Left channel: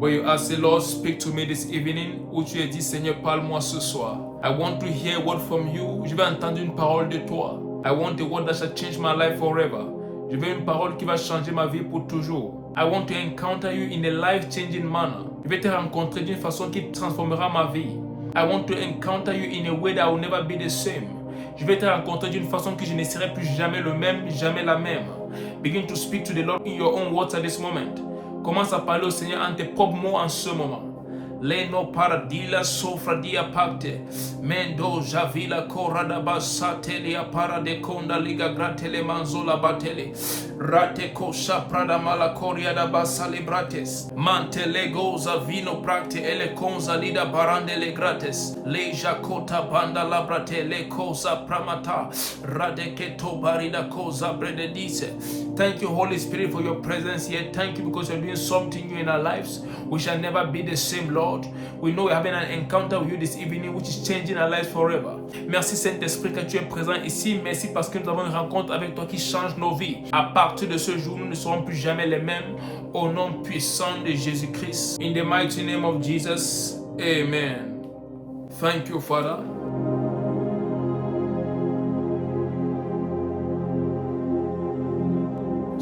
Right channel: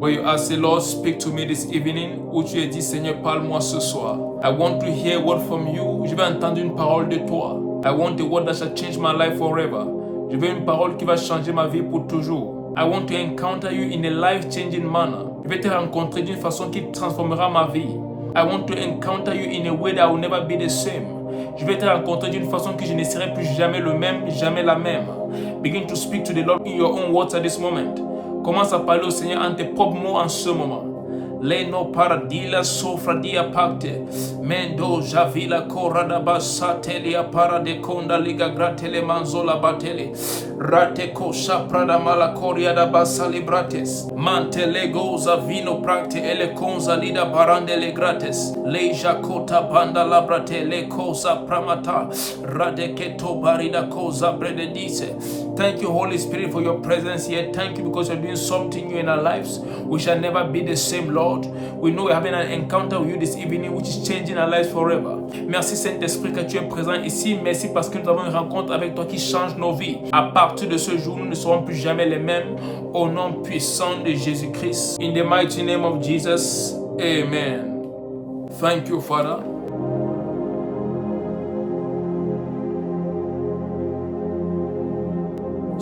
Where you ask the Lord, speak to me this evening, où tu as dit, Seigneur, parle-moi ce soir. I want to hear a word from you. Je vais entendre une parole de toi. I want a word that shall change my life forever. Je veux une parole qui va changer ma vie pour toujours. I want to encounter you in a life-changing manner. Je vais te rencontrer d'une façon qui transformera ma vie. I want to encounter you in a way that I will never be the same. Je vais te rencontrer d'une façon que je ne serai plus jamais le même, jamais la même. Begin to speak to the Lord in your own words at this moment. Commence à parler au Seigneur en tes propres mots en ce moment. Leno paradila sofradia pacte. Mendo javila corada basatelia parade conda liga gratele manzola batele. Rate kosha prada malacoria da basali brates. Mantele goza vino practe ele conza lida barandele grates. Le jacota banda labrate le cosa pramata. Rade keto barida cosa brededice. Thank you, Holy Spirit, for your presence here. Thank you because you're doing something new in our lives. We shall never be the same, Lord. We know we're having an encounter with you this evening, which is changing our lives forever. Merci, Saint-Esprit, que tu es présent ici. Merci parce que nous avons une rencontre avec toi qui change nos vies. À partir de ce jour, nous ne serons plus jamais les mêmes. Au nom puissant de Jésus-Christ. In the mighty name of Jesus. Amen. Thank you, Father.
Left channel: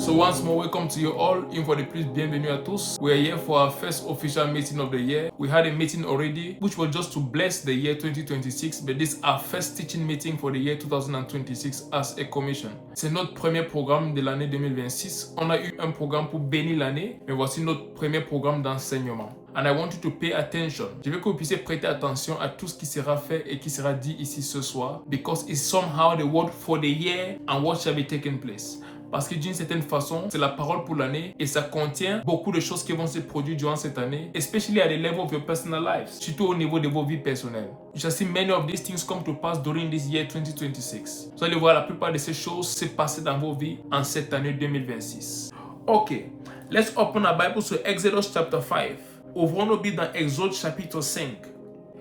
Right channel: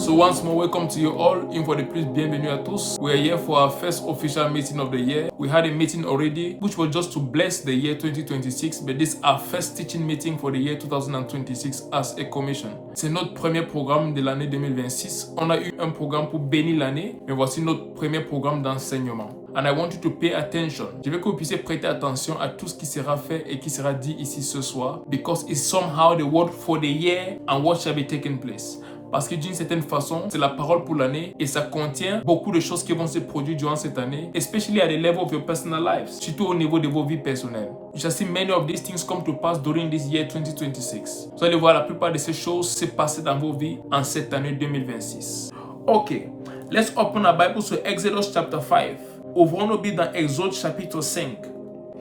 So once more, welcome to you all. In for the please, bienvenue à tous. We are here for our first official meeting of the year. We had a meeting already, which was just to bless the year 2026, but this is our first teaching meeting for the year 2026 as a commission. C'est notre premier programme de l'année 2026. On a eu un programme pour bénir l'année, mais voici notre premier programme d'enseignement. And I want you to pay attention. Je veux que vous puissiez prêter attention à tout ce qui sera fait et qui sera dit ici ce soir, because it's somehow the word for the year and what shall be taking place. Parce que d'une certaine façon, c'est la parole pour l'année et ça contient beaucoup de choses qui vont se produire durant cette année, especially at the level of your personal lives, surtout au niveau de vos vies personnelles. You shall see many of these things come to pass during this year 2026. Vous allez voir la plupart de ces choses se passer dans vos vies en cette année 2026. Ok, let's open our Bible to Exodus chapter 5. Ouvrons-nous Bibles dans Exode chapitre 5.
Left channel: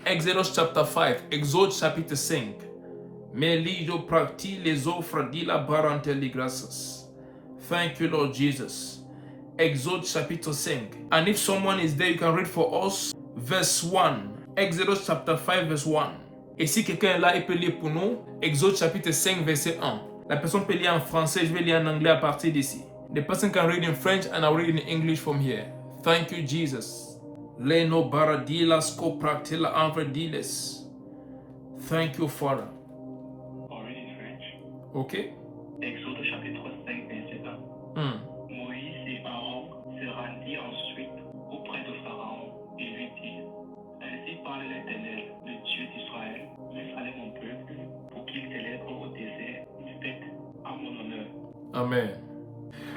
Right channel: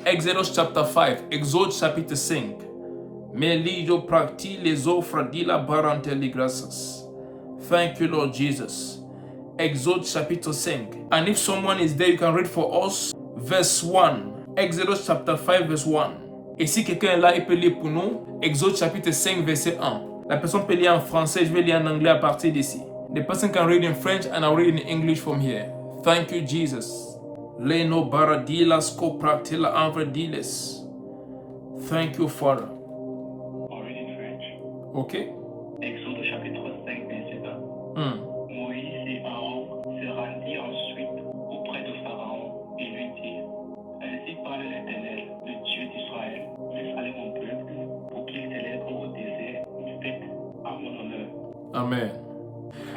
Exodus chapter 5, Exode chapitre 5. Melio practi les offres de la baranteli graças. Thank you, Lord Jesus. Exode chapitre 5. And if someone is there, you can read for us verse 1. Exodus chapter 5 verse 1. Et si quelqu'un est là, il peut lire pour nous Exode chapitre 5 verset 1. La personne peut lire en français, je vais lire en anglais à partir d'ici. The person can read in French and I'll read in English from here. Thank you, Jesus. Leno baradilas copractila anvrediles. Thank you, Father. Ok. Exode chapitre 5, verset 1. Moïse et Aaron se rendirent ensuite auprès de Pharaon et lui dirent: Ainsi parle l'Éternel, le Dieu d'Israël, allez mon peuple, pour qu'il célèbre au désert une fête à mon honneur. Amen.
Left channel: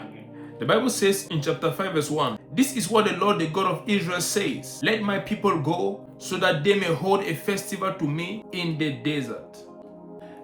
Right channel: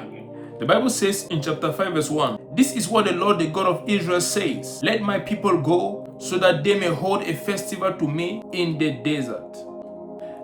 Amen. The Bible says in chapter 5 verse 1, this is what the Lord, the God of Israel says, let my people go so that they may hold a festival to me in the desert.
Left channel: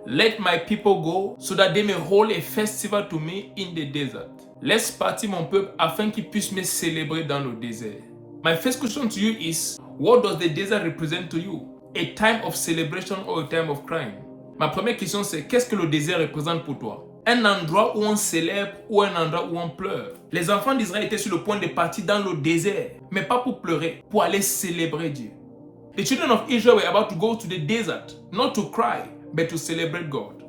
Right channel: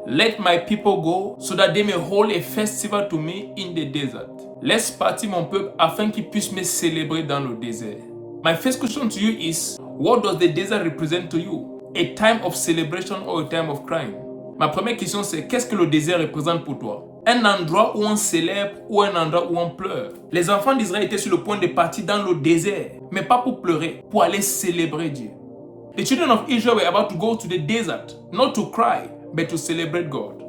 Let my people go so that they may hold a festival to me in the desert. Laisse partir mon peuple afin qu'ils puissent me célébrer dans le désert. My first question to you is, what does the desert represent to you? A time of celebration or a time of crying? Ma première question c'est, qu'est-ce que le désert représente pour toi? Un endroit où on célèbre ou un endroit où on pleure? Les enfants d'Israël étaient sur le point de partir dans le désert, mais pas pour pleurer, pour aller célébrer Dieu. The children of Israel were about to go to the desert, not to cry, but to celebrate God.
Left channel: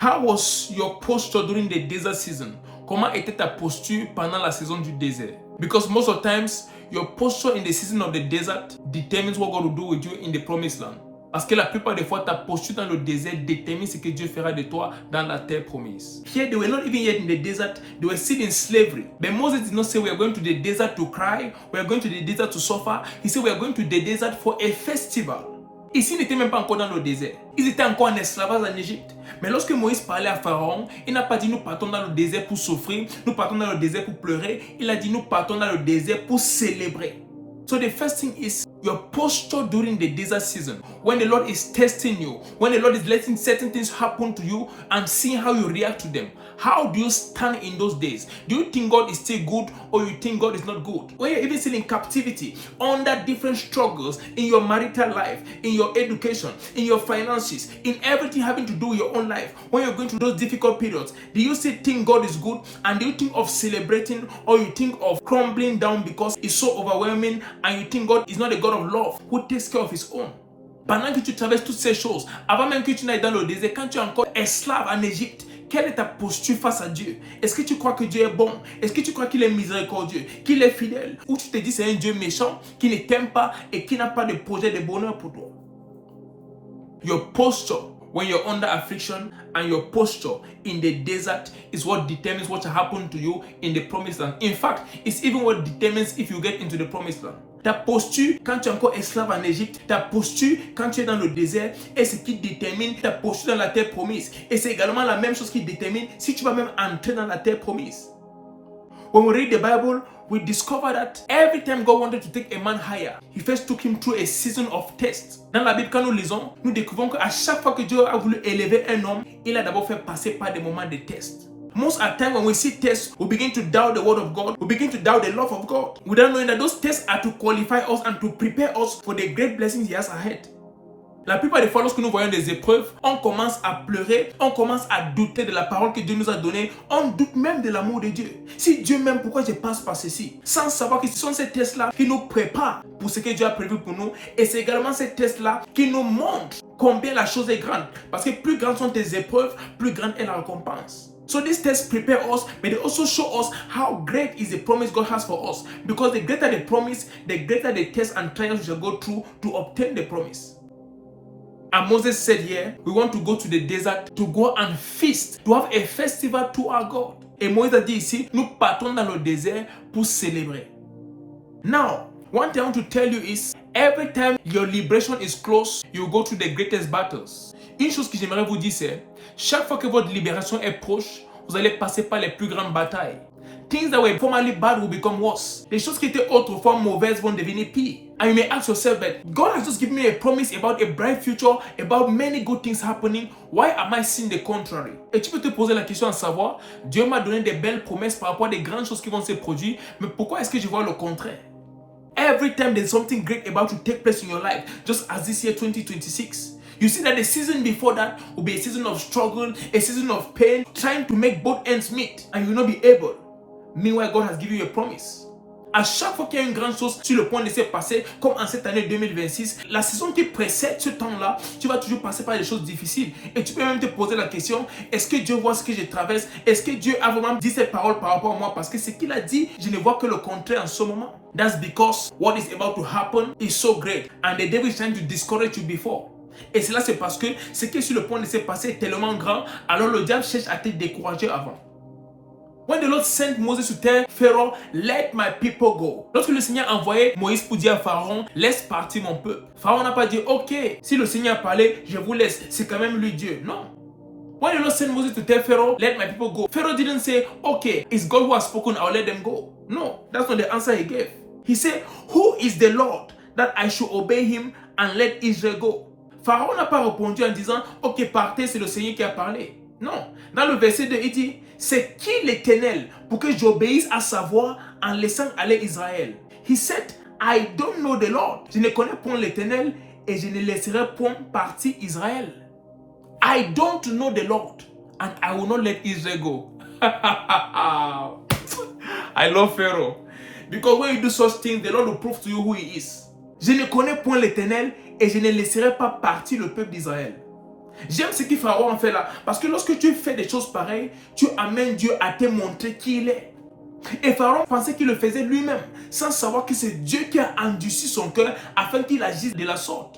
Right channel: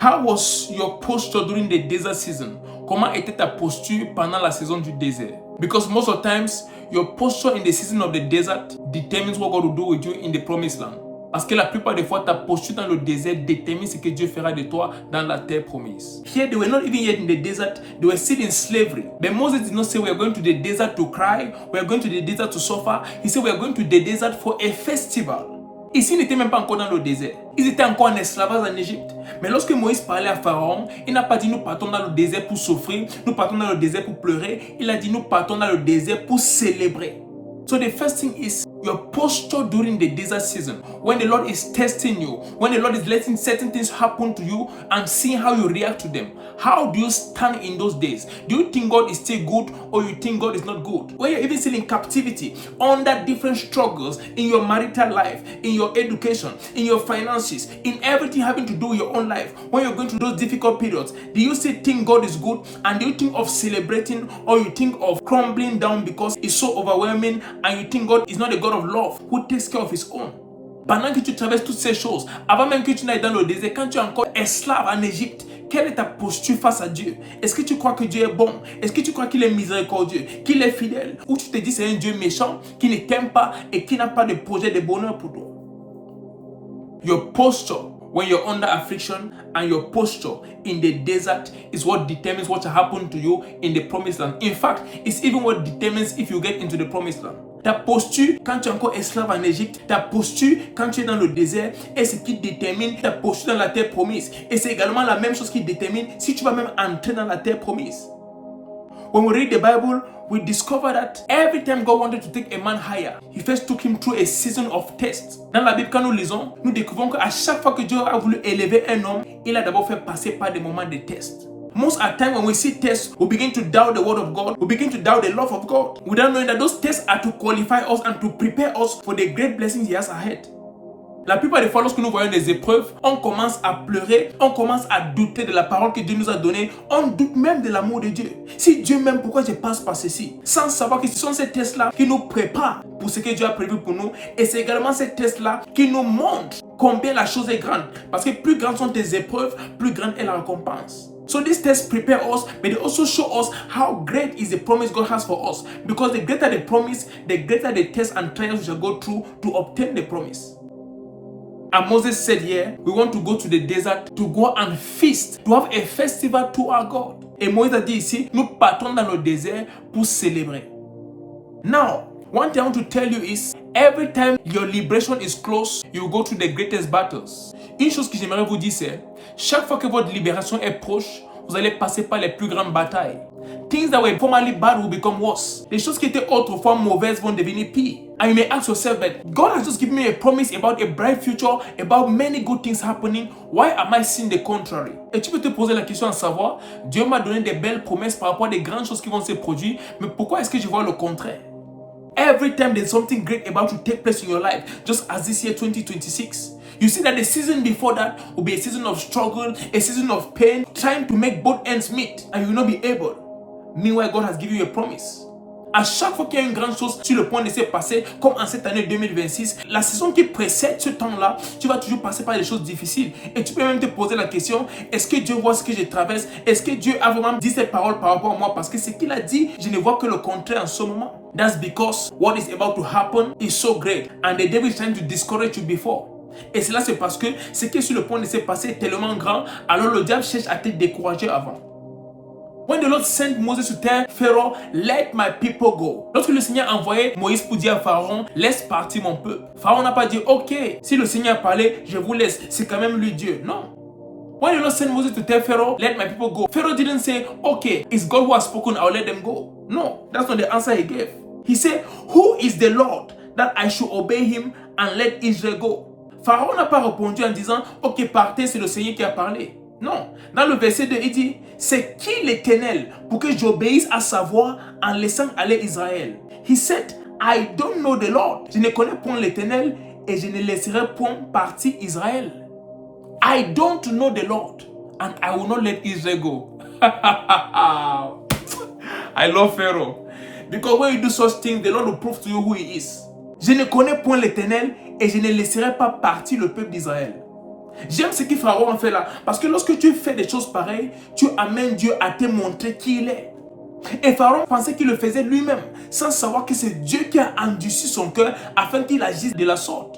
How was your posture during the desert season? Comment était ta posture pendant la saison du désert? Because most of the times, your posture in the season of the desert determines what God will do with you in the promised land. Parce que la plupart des fois, ta posture dans le désert détermine ce que Dieu fera de toi dans la terre promise. Here, they were not even yet in the desert. They were still in slavery. But Moses did not say, we are going to the desert to cry. We are going to the desert to suffer. He said, we are going to the desert for a festival. Ici, ils n'étaient même pas encore dans le désert. Ils étaient encore en esclavage en Égypte. Mais lorsque Moïse parlait à Pharaon, il n'a pas dit nous partons dans le désert pour souffrir, nous partons dans le désert pour pleurer. Il a dit nous partons dans le désert pour célébrer. So the first thing is, Your posture during the desert season, when the Lord is testing you, when the Lord is letting certain things happen to you and seeing how you react to them. How do you stand in those days? Do you think God is still good or you think God is not good? When you're even still in captivity, under different struggles in your marital life, in your education, in your finances, in everything having to do with your own life, when you're going through those difficult periods, do you still think God is good? And do you think of celebrating or you think of crumbling down because it's so overwhelming and you think God is not a God of love who takes care of his own? Pendant que tu traverses toutes ces choses, avant même que tu n'ailles dans le désert, quand tu es encore esclave en Égypte, quelle est ta posture face à Dieu? Est-ce que tu crois que Dieu est bon? Est-ce que tu crois qu'il est miséricordieux, qu'il est fidèle? Ou tu te dis c'est un Dieu méchant qui ne t'aime pas et qui n'a pas de projet de bonheur pour toi? Your posture when you're under affliction and your posture in the desert is what determines what will happen to you in the promised land. In fact, it's even what determines if you get into the promised land. Ta posture quand tu es encore esclave en Égypte, ta posture quand tu es dans le désert est ce qui détermine ta posture dans la terre promise. Et c'est également la même chose qui détermine si tu vas même entrer dans la terre promise. When we read the Bible, we discover that every time God wanted to take a man higher, he first took him through a season of tests. Dans la Bible, quand nous lisons, nous découvrons qu'à chaque fois que Dieu a voulu élever un homme, il a d'abord fait passer par des moments de tests. Most of the time when we see tests, we begin to doubt the word of God. We begin to doubt the love of God. Without knowing that those tests are to qualify us and to prepare us for the great blessings He has ahead. La plupart des fois, lorsque nous voyons des épreuves, on commence à pleurer, on commence à douter de la parole que Dieu nous a donnée, on doute même de l'amour de Dieu. Si Dieu m'aime, pourquoi je passe par ceci? Sans savoir que ce sont ces tests-là qui nous préparent pour ce que Dieu a prévu pour nous. Et c'est également ces tests-là qui nous montrent combien la chose est grande. Parce que plus grandes sont tes épreuves, plus grande est la récompense. So these tests prepare us, but they also show us how great is the promise God has for us. Because the greater the promise, the greater the tests and trials we shall go through to obtain the promise. And Moses said here, we want to go to the desert to go and feast, to have a festival to our God. Et Moïse a dit ici, nous partons dans le désert pour célébrer. Now, one thing I want to tell you is, every time your liberation is close, you go through the greatest battles. Une chose que j'aimerais vous dire, c'est, chaque fois que votre libération est proche, vous allez passer par les plus grandes batailles. Things that were formerly bad will become worse. Les choses qui étaient autrefois mauvaises vont devenir pires. And you may ask yourself that God has just given me a promise about a bright future, about many good things happening. Why am I seeing the contrary? Et tu peux te poser la question à savoir, Dieu m'a donné des belles promesses par rapport à des grandes choses qui vont se produire, mais pourquoi est-ce que je vois le contraire? Every time there's something great about to take place in your life, just as this year 2026, you see that the season before that will be a season of struggle, a season of pain, trying to make both ends meet, and you will not be able. Meanwhile, God has given you a promise. À chaque fois qu'il y a une grande chose sur le point de se passer, comme en cette année 2026, la saison qui précède ce temps-là, tu vas toujours passer par des choses difficiles. Et tu peux même te poser la question, est-ce que Dieu voit ce que je traverse? Est-ce que Dieu a vraiment dit cette parole par rapport à moi? Parce que ce qu'il a dit, je ne vois que le contraire en ce moment. That's because what is about to happen is so great. And the devil is trying to discourage you before. Et cela c'est parce que ce qui est sur le point de se passer est tellement grand, alors le diable cherche à te décourager avant. When the Lord sent Moses to tell Pharaoh, let my people go. Lorsque le Seigneur a envoyé Moïse pour dire à Pharaon, laisse partir mon peuple. Pharaon n'a pas dit, ok, si le Seigneur a parlé, je vous laisse. C'est quand même lui Dieu. Non. When the Lord sent Moses to tell Pharaoh, let my people go, Pharaoh didn't say, okay, it's God who has spoken, I'll let them go. No, that's not the answer he gave. He said, who is the Lord that I should obey him and let Israel go? Pharaon n'a pas répondu en disant, ok, partez, c'est le Seigneur qui a parlé. Non. Dans le verset 2, il dit, c'est qui l'Éternel pour que j'obéisse à sa voix en laissant aller Israël? He said, I don't know the Lord. Je ne connais point l'Éternel et je ne laisserai point partir Israël. I don't know the Lord and I will not let Israel go. I love Pharaoh. Because when you do such things, the Lord will prove to you who he is. Je ne connais point l'Éternel et je ne laisserai pas partir le peuple d'Israël. J'aime ce que Pharaon a fait là. Parce que lorsque tu fais des choses pareilles, tu amènes Dieu à te montrer qui il est. Et Pharaon pensait qu'il le faisait lui-même, sans savoir que c'est Dieu qui a endurci son cœur afin qu'il agisse de la sorte.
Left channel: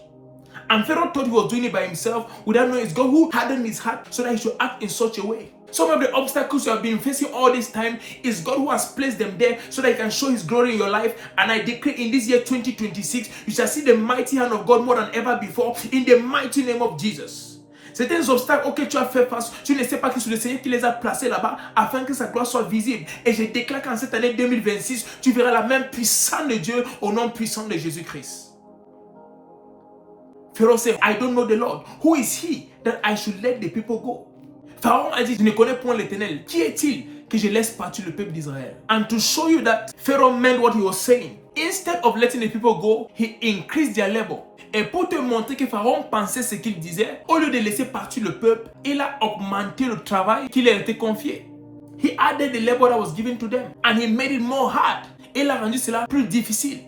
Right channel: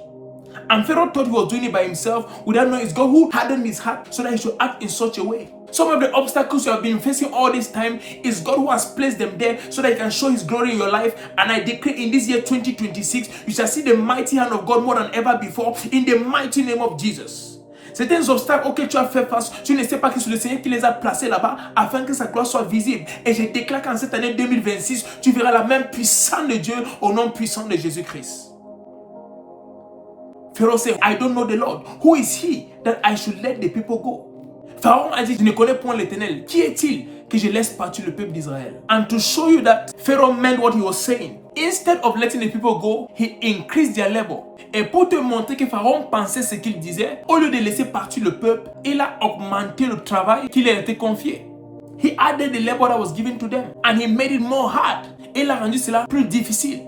And Pharaoh thought he was doing it by himself without knowing it's God who hardened his heart so that he should act in such a way. Some of the obstacles you have been facing all this time is God who has placed them there so that he can show his glory in your life. And I declare in this year 2026, you shall see the mighty hand of God more than ever before in the mighty name of Jesus. Certains obstacles auxquels tu as fait face, tu ne sais pas que c'est le Seigneur qui les a placés là-bas afin que sa gloire soit visible. Et je déclare qu'en cette année 2026, tu verras la main puissante de Dieu au nom puissant de Jésus-Christ. Pharaoh said, I don't know the Lord. Who is he that I should let the people go? Pharaon a dit, je ne connais point l'Éternel. Qui est-il que je laisse partir le peuple d'Israël? And to show you that Pharaoh meant what he was saying, instead of letting the people go, he increased their labor. Et pour te montrer que Pharaon pensait ce qu'il disait, au lieu de laisser partir le peuple, il a augmenté le travail qui leur était confié. He added the labor that was given to them and he made it more hard. Et il a rendu cela plus difficile.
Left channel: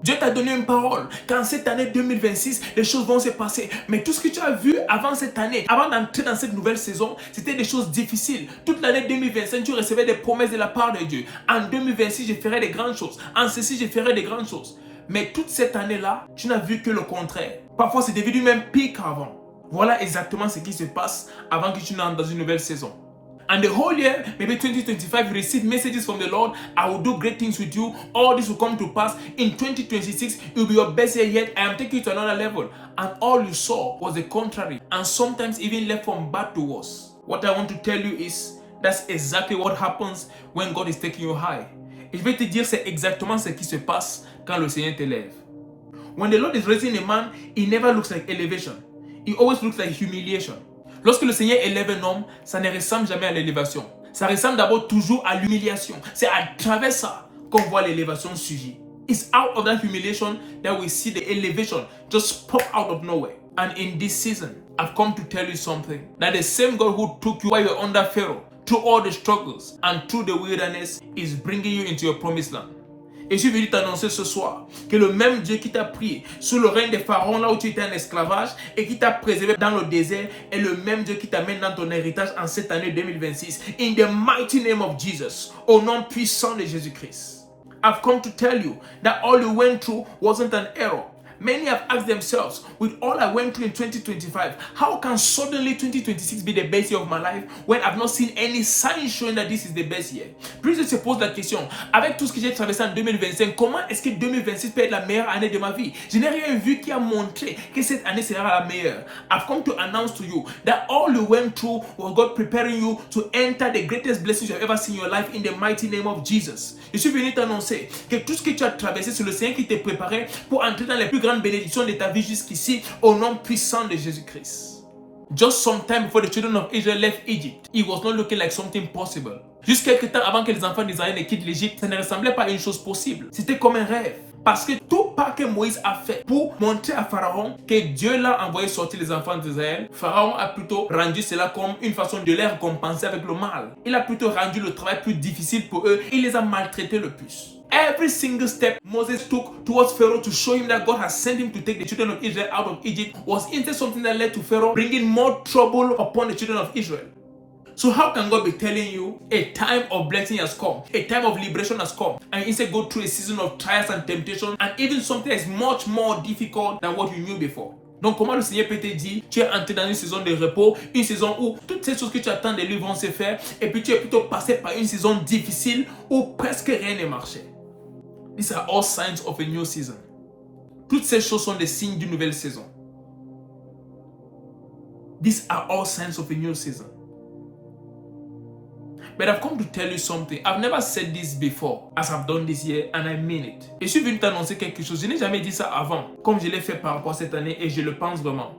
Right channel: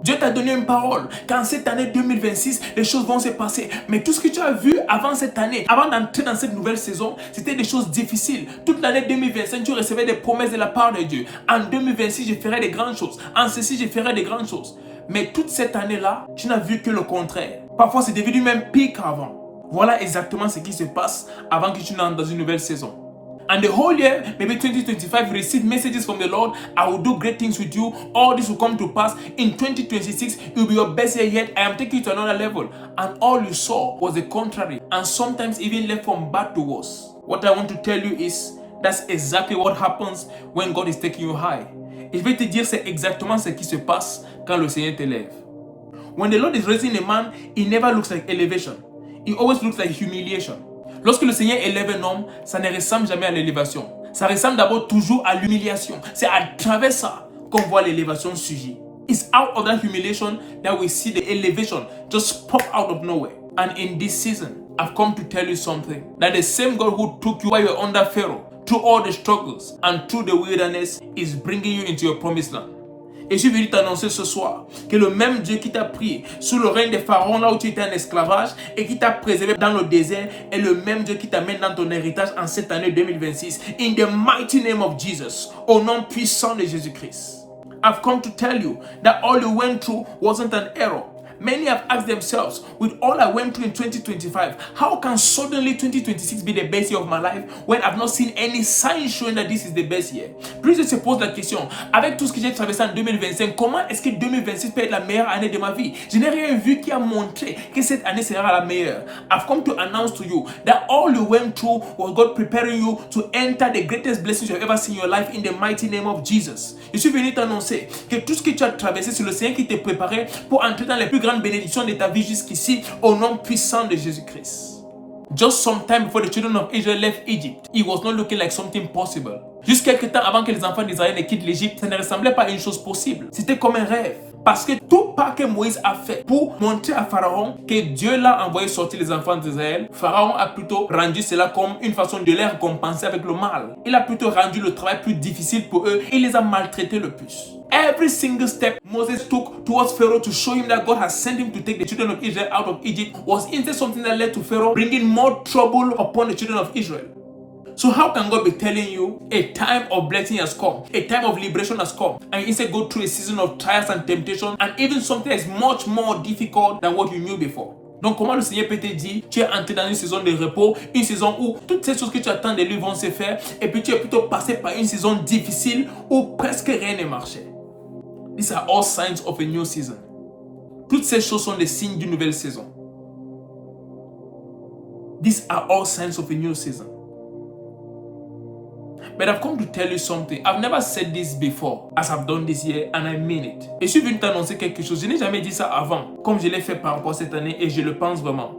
Dieu t'a donné une parole qu'en cette année 2026, les choses vont se passer. Mais tout ce que tu as vu avant cette année, avant d'entrer dans cette nouvelle saison, c'était des choses difficiles. Toute l'année 2025, tu recevais des promesses de la part de Dieu. En 2026, je ferai des grandes choses. En ceci, je ferai des grandes choses. Mais toute cette année-là, tu n'as vu que le contraire. Parfois, c'est devenu même pire qu'avant. Voilà exactement ce qui se passe avant que tu n'entres dans une nouvelle saison. And the whole year, maybe 2025, receive messages from the Lord. I will do great things with you. All this will come to pass. In 2026, it will be your best year yet. I am taking you to another level. And all you saw was the contrary. And sometimes even left from bad to worse. What I want to tell you is, that's exactly what happens when God is taking you high. Et je vais te dire, c'est exactement ce qui se passe quand le Seigneur t'élève. When the Lord is raising a man, it never looks like elevation. It always looks like humiliation. Lorsque le Seigneur élève un homme, ça ne ressemble jamais à l'élévation. Ça ressemble d'abord toujours à l'humiliation. C'est à travers ça qu'on voit l'élévation surgir. It's out of that humiliation that we see the elevation just pop out of nowhere. And in this season, I've come to tell you something. That the same God who took you while you were under Pharaoh, through all the struggles and through the wilderness, is bringing you into your promised land. Et je suis venu t'annoncer ce soir que le même Dieu qui t'a pris sous le règne des pharaons là où tu étais en esclavage et qui t'a préservé dans le désert est le même Dieu qui t'amène dans ton héritage en cette année 2026. In the mighty name of Jesus, au nom puissant de Jésus-Christ. I've come to tell you that all you went through wasn't an error. Many have asked themselves, with all I went through in 2025, how can suddenly 2026 be the best year of my life when I've not seen any signs showing that this is the best year? Plusieurs se posent la question, avec tout ce que j'ai traversé en 2025, comment est-ce que 2026 peut être la meilleure année de ma vie? Je n'ai rien vu qui a montré que cette année sera la meilleure. I've come to announce to you that all you went through was God preparing you to enter the greatest blessings you have ever seen in your life in the mighty name of Jesus. Je suis venu t'annoncer que tout ce que tu as traversé, c'est le Seigneur qui t'a préparé pour entrer dans les plus grandes bénédictions de ta vie jusqu'ici, au nom puissant de Jésus-Christ. Just some time before the children of Israel left Egypt, it was not looking like something possible. Juste quelques temps avant que les enfants d'Israël ne quittent l'Égypte, ça ne ressemblait pas à une chose possible. C'était comme un rêve. Parce que tout pas que Moïse a fait pour montrer à Pharaon que Dieu l'a envoyé sortir les enfants d'Israël, Pharaon a plutôt rendu cela comme une façon de les récompenser avec le mal. Il a plutôt rendu le travail plus difficile pour eux. Il les a maltraités le plus. Every single step Moses took towards Pharaoh to show him that God has sent him to take the children of Israel out of Egypt was instead something that led to Pharaoh bringing more trouble upon the children of Israel. So how can God be telling you a time of blessing has come, a time of liberation has come, and you instead go through a season of trials and temptation, and even something that is much more difficult than what you knew before? Donc comment le Seigneur peut te dire, tu es entré dans une saison de repos, une saison où toutes ces choses que tu attends de lui vont se faire, et puis tu es plutôt passé par une saison difficile où presque rien ne marchait. These are all signs of a new season. Toutes ces choses sont des signes d'une nouvelle saison. These are all signs of a new season. But I've come to tell you something. I've never said this before as I've done this year and I mean it. Et je suis venu t'annoncer quelque chose. Je n'ai jamais dit ça avant, comme je l'ai fait par rapport à cette année et je le pense vraiment.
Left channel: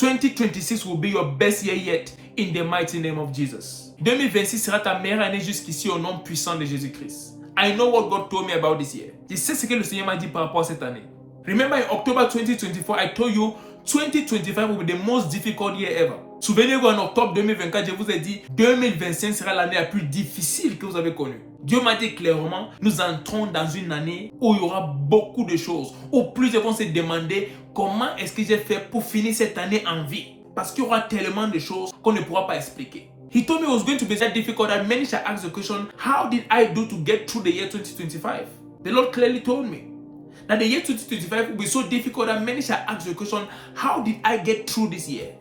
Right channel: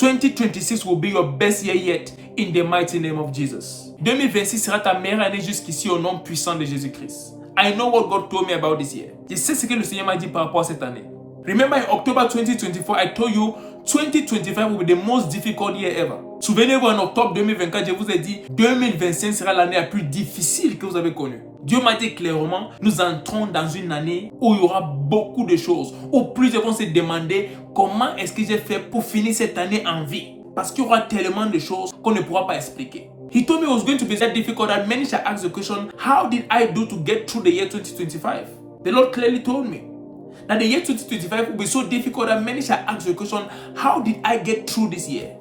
2026 will be your best year yet in the mighty name of Jesus. 2026 sera ta meilleure année jusqu'ici au nom puissant de Jésus-Christ. I know what God told me about this year. Je sais ce que le Seigneur m'a dit par rapport à cette année. Remember in October 2024, I told you 2025 will be the most difficult year ever. Souvenez-vous, en octobre 2024, je vous ai dit 2025 sera l'année la plus difficile que vous avez connue. Dieu m'a dit clairement, nous entrons dans une année où il y aura beaucoup de choses, où plusieurs vont se demander comment est-ce que j'ai fait pour finir cette année en vie. Parce qu'il y aura tellement de choses qu'on ne pourra pas expliquer. He told me it was going to be that difficult that many shall ask the question, how did I do to get through the year 2025? The Lord clearly told me that the year 2025 will be so difficult that many shall ask the question, how did I get through this year?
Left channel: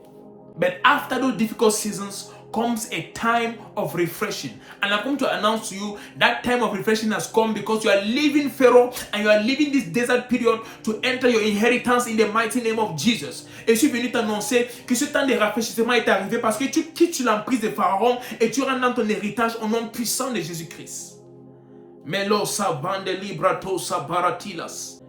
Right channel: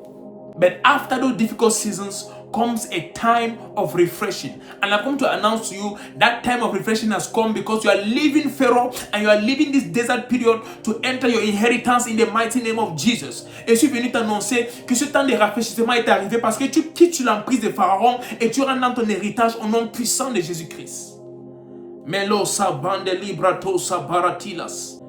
But after those difficult seasons comes a time of refreshing. And I've come to announce to you that time of refreshing has come because you are leaving Pharaoh and you are leaving this desert period to enter your inheritance in the mighty name of Jesus. Et je suis venu t'annoncer que ce temps de rafraîchissement est arrivé parce que tu quittes l'emprise de Pharaon et tu rentres dans ton héritage au nom puissant de Jésus-Christ. Melo sabande librato sabaratilas.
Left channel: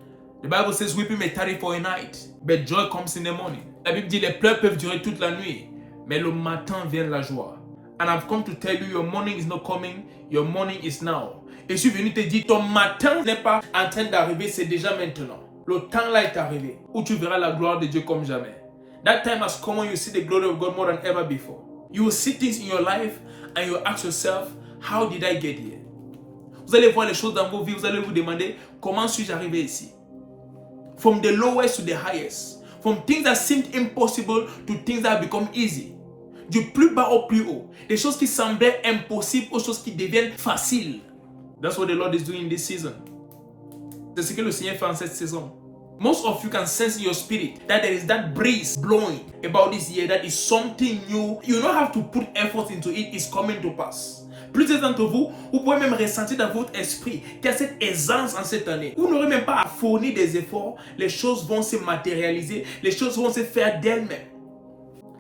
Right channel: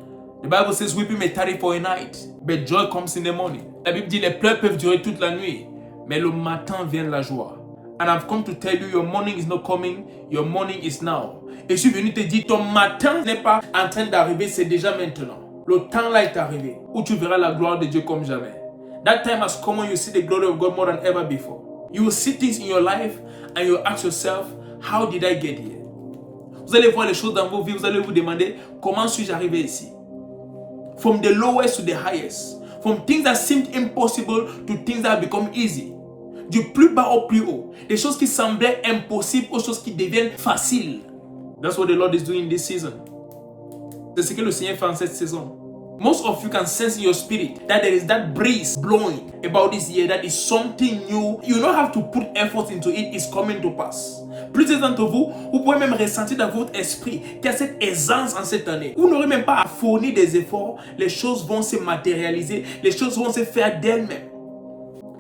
The Bible says weeping may tarry for a night, but joy comes in the morning. La Bible dit les pleurs peuvent durer toute la nuit, mais le matin vient la joie. And I've come to tell you, your morning is not coming, your morning is now. Et je suis venu te dire, ton matin n'est pas en train d'arriver, c'est déjà maintenant. Le temps là est arrivé, où tu verras la gloire de Dieu comme jamais. That time has come when you see the glory of God more than ever before. You will see things in your life and you will ask yourself, how did I get here? Vous allez voir les choses dans vos vies, vous allez vous demander, comment suis-je arrivé ici? From the lowest to the highest. From things that seemed impossible to things that have become easy. Du plus bas au plus haut. Des choses qui semblaient impossibles aux choses qui deviennent faciles. That's what the Lord is doing in this season. C'est ce que le Seigneur fait en cette saison. Most of you can sense in your spirit that there is that breeze blowing about this year, that is something new. You don't have to put effort into it, it's coming to pass. Plusieurs d'entre vous, vous pouvez même ressentir dans votre esprit qu'il y a cette aisance en cette année. Vous n'aurez même pas à fournir des efforts, les choses vont se matérialiser, les choses vont se faire d'elles-mêmes.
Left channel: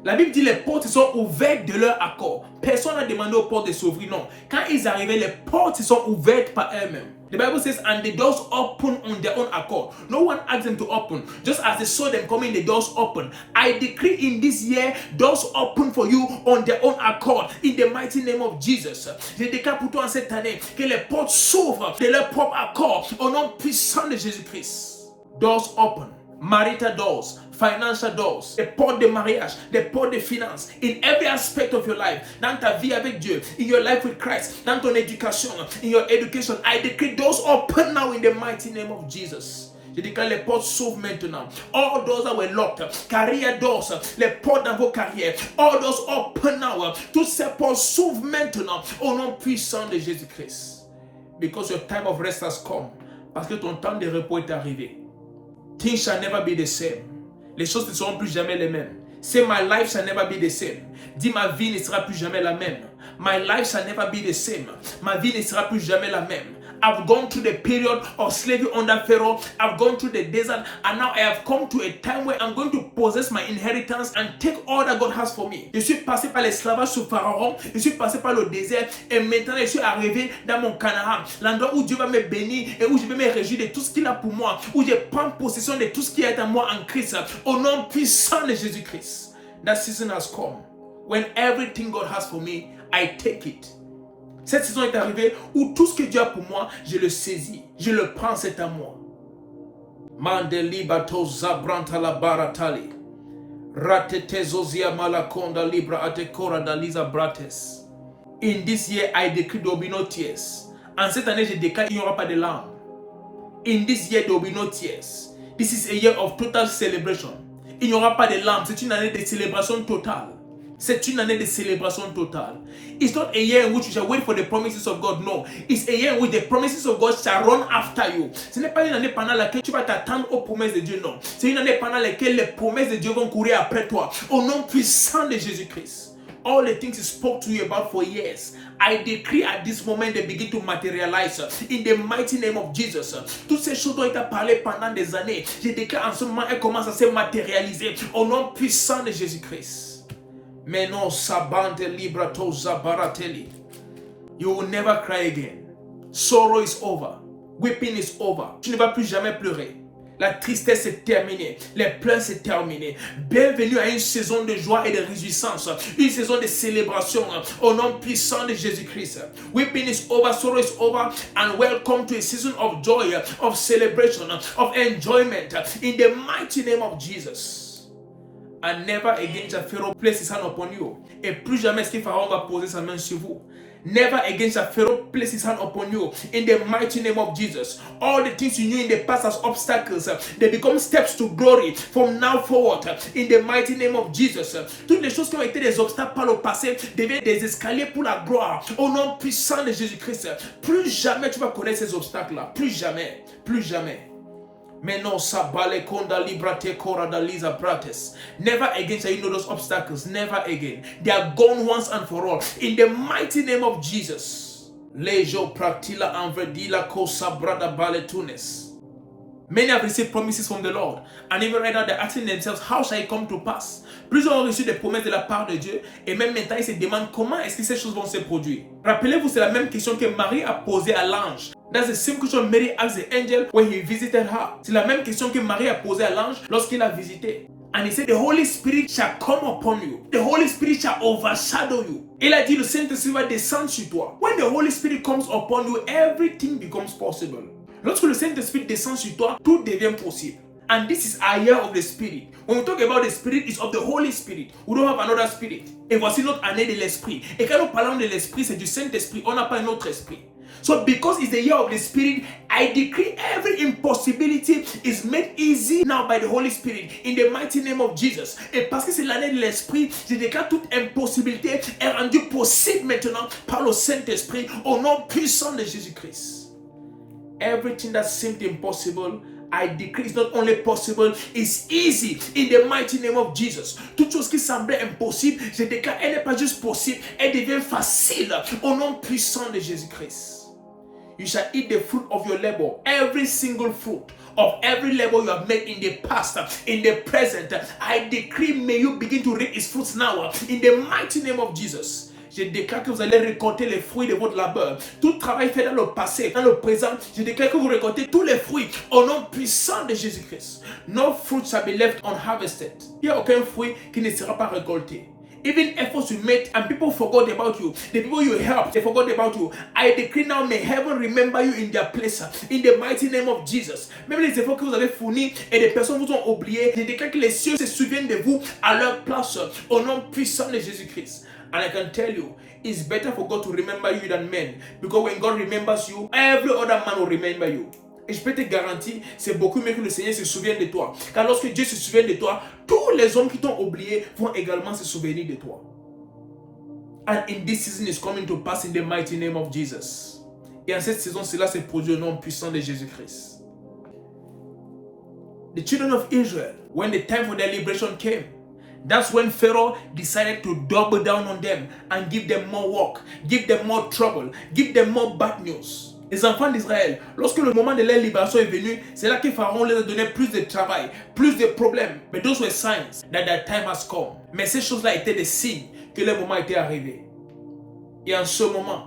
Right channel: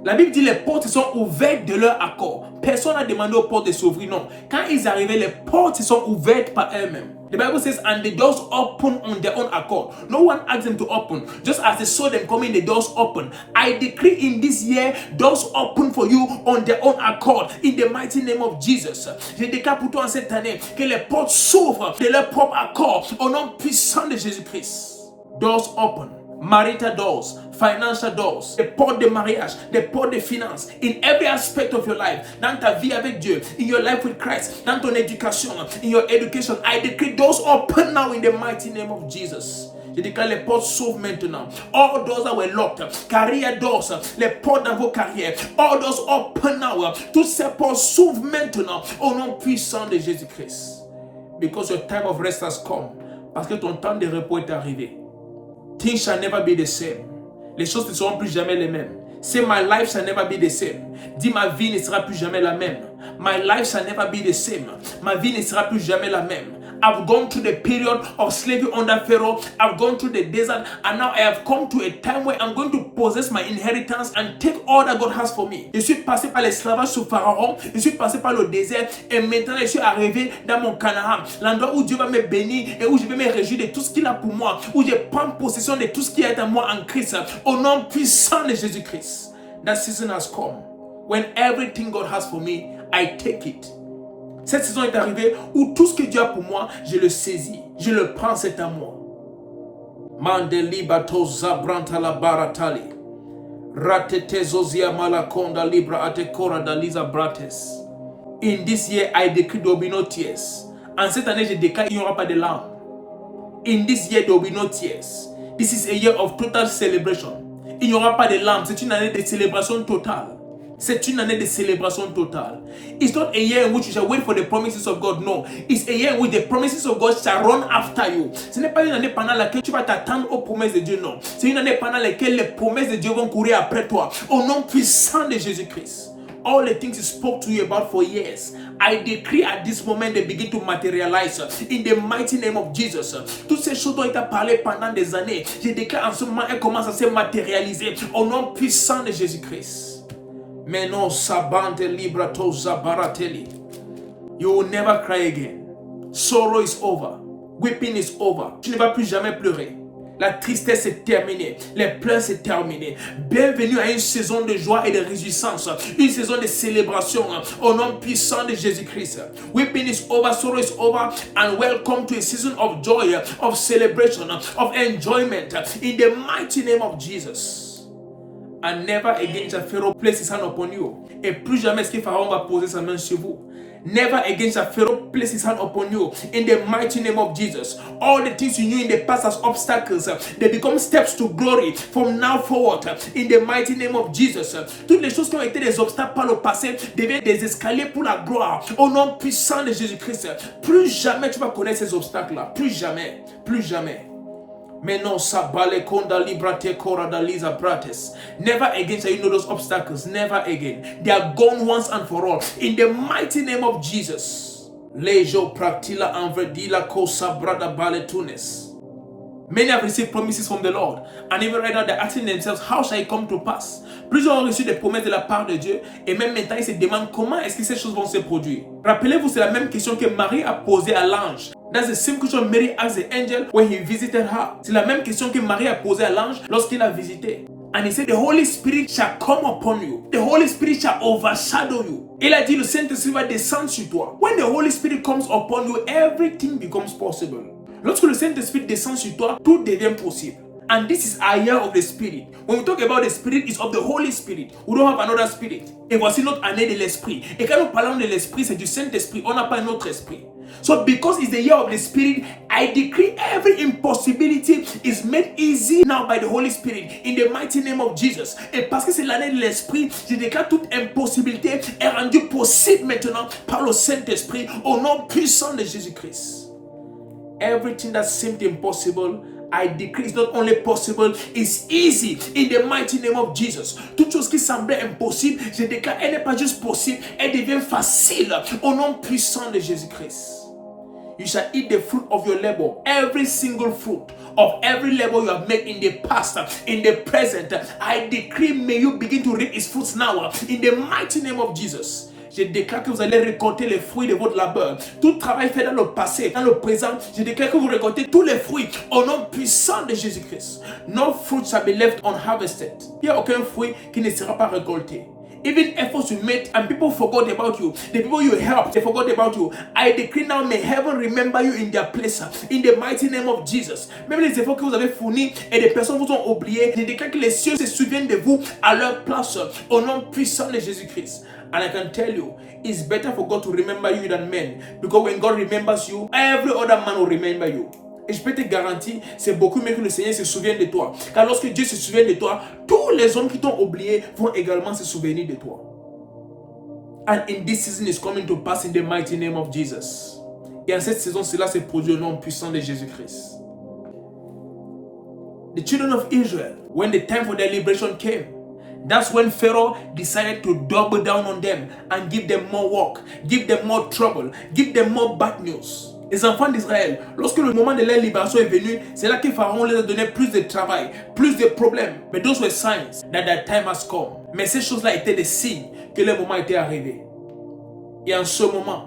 La Bible dit les portes sont ouvertes de leur accord. Personne n'a demandé aux portes de s'ouvrir, non. Quand ils arrivaient, les portes sont ouvertes par elles-mêmes. The Bible says, and the doors open on their own accord. No one asked them to open. Just as they saw them coming, the doors open. I decree in this year, doors open for you on their own accord. In the mighty name of Jesus. Je déclare pour toi en cette année que les portes s'ouvrent de leur propre accord au nom puissant de Jésus-Christ. Doors open. Marital doors, financial doors, des portes de mariage, des portes de finances, in every aspect of your life, dans ta vie avec Dieu, in your life with Christ, dans ton éducation, in your education, I decree doors open now in the mighty name of Jesus. Je déclare les portes s'ouvrent maintenant. All doors that were locked, career doors, les portes dans vos carrières, all doors open now. Toutes ces portes s'ouvrent maintenant au nom puissant de Jésus-Christ. Because your time of rest has come. Parce que ton temps de repos est arrivé. Things shall never be the same. Les choses ne seront plus jamais les mêmes. Say my life shall never be the same. Dis ma vie ne sera plus jamais la même. My life shall never be the same. Ma vie ne sera plus jamais la même. I've gone through the period of slavery under Pharaoh. I've gone through the desert, and now I have come to a time where I'm going to possess my inheritance and take all that God has for me. Je suis passé par l'esclavage sous Pharaon. Je suis passé par le désert, et maintenant je suis arrivé dans mon Canaan, l'endroit où Dieu va me bénir et où je vais me réjouir de tout ce qu'il a pour moi, où je prends possession de tout ce qui est en moi en Christ, au nom puissant de Jésus-Christ. That season has come when everything God has for me, I take it. Cette saison est arrivée où tout ce que Dieu a pour moi, je le saisis. Je le prends, c'est à moi. Mandeli bato zabranta la baratali. Ratete zozia malakonda libra atekora daliza brates. In this year, I decree there will be no tears. En cette année, je déclare qu'il n'y aura pas de larmes. In this year, there will be no tears. This is a year of total celebration. Il n'y aura pas de larmes. C'est une année de célébration totale. C'est une année de célébration totale. It's not a year in which you shall wait for the promises of God. No. It's a year in which the promises of God shall run after you. Ce n'est pas une année pendant laquelle tu vas t'attendre aux promesses de Dieu. Non. C'est une année pendant laquelle les promesses de Dieu vont courir après toi. Au nom puissant de Jésus-Christ. All the things He spoke to you about for years, I decree at this moment they begin to materialize in the mighty name of Jesus. Toutes ces choses dont il t'a parlé pendant des années, je déclare en ce moment, elles commencent à se matérialiser au nom puissant de Jésus-Christ. Mais non, sabante libra toza barateli. You will never cry again. Sorrow is over. Weeping is over. Tu ne vas plus jamais pleurer. La tristesse est terminée. Les pleurs c'est terminé. Bienvenue à une saison de joie et de réjouissance. Une saison de célébration au nom puissant de Jésus-Christ. Weeping is over, sorrow is over, and welcome to a season of joy, of celebration, of enjoyment in the mighty name of Jesus. And never again shall Pharaoh place his hand upon you. Et plus jamais est-ce que Pharaon va poser sa main sur vous. Never again shall Pharaoh place his hand upon you. In the mighty name of Jesus. All the things you knew in the past as obstacles, they become steps to glory from now forward. In the mighty name of Jesus. Toutes les choses qui ont été des obstacles par le passé deviennent des escaliers pour la gloire. Au nom puissant de Jésus-Christ. Plus jamais tu vas connaître ces obstacles-là. Plus jamais. Plus jamais. Never again shall you know those obstacles. Never again. They are gone once and for all. In the mighty name of Jesus. Lejo praktila anverdila kosa brada baletunes. Many have received promises from the Lord, and even right now they're asking themselves, how shall it come to pass? Plusieurs ont reçu des promesses de la part de Dieu et même maintenant ils se demandent comment est-ce que ces choses vont se produire. Rappelez-vous, c'est la même question que Marie a posée à l'ange. That's the same question Mary asked the angel when he visited her. C'est la même question que Marie a posée à l'ange lorsqu'il l'a visité. And he said, the Holy Spirit shall come upon you. The Holy Spirit shall overshadow you. Il a dit, le Saint-Esprit va descendre sur toi. When the Holy Spirit comes upon you, everything becomes possible. Lorsque le Saint-Esprit descend sur toi, tout devient possible. And this is our year of the Spirit. When we talk about the Spirit, it's of the Holy Spirit. We don't have another Spirit. Et voici notre année de l'Esprit. Et quand nous parlons de l'Esprit, c'est du Saint-Esprit. On n'a pas un autre Esprit. So because it's the year of the Spirit, I decree every impossibility is made easy now by the Holy Spirit in the mighty name of Jesus. Et parce que c'est l'année de l'Esprit, je déclare toute impossibilité est rendue possible maintenant par le Saint-Esprit au nom puissant de Jésus-Christ. Everything that seemed impossible, I decree it's not only possible, it's easy in the mighty name of Jesus. Toute chose qui semblait impossible, je déclare, elle n'est pas juste possible, elle devient facile au nom puissant de Jésus-Christ. You shall eat the fruit of your labor, every single fruit of every labor you have made in the past, in the present. I decree, may you begin to reap its fruits now, in the mighty name of Jesus. Je déclare que vous allez récolter les fruits de votre labeur. Tout travail fait dans le passé, dans le présent, je déclare que vous récoltez tous les fruits au nom puissant de Jésus-Christ. No fruit shall be left unharvested. Il n'y a aucun fruit qui ne sera pas récolté. Even efforts you made and people forgot about you, the people you helped, they forgot about you. I decree now, may heaven remember you in their place, in the mighty name of Jesus. Même les efforts que vous avez fournis et des personnes vous ont oublié, je déclare que les cieux se souviennent de vous à leur place, au nom puissant de Jésus-Christ. And I can tell you, it's better for God to remember you than men. Because when God remembers you, every other man will remember you. Et je peux te garantir, c'est beaucoup mieux que le Seigneur se souvienne de toi. Car lorsque Dieu se souvient de toi, tous les hommes qui t'ont oublié vont également se souvenir de toi. And in this season is coming to pass in the mighty name of Jesus. Et en cette saison, cela se produit au nom puissant de Jésus-Christ. The children of Israel, when the time for their liberation came, that's when Pharaoh decided to double down on them and give them more work, give them more trouble, give them more bad news. Les enfants d'Israël, lorsque le moment de leur libération est venu, c'est là que Pharaon leur a donné plus de travail, plus de problèmes. But those were signs that their time has come. Mais ces choses-là étaient des signes que le moment était arrivé. Et en ce moment,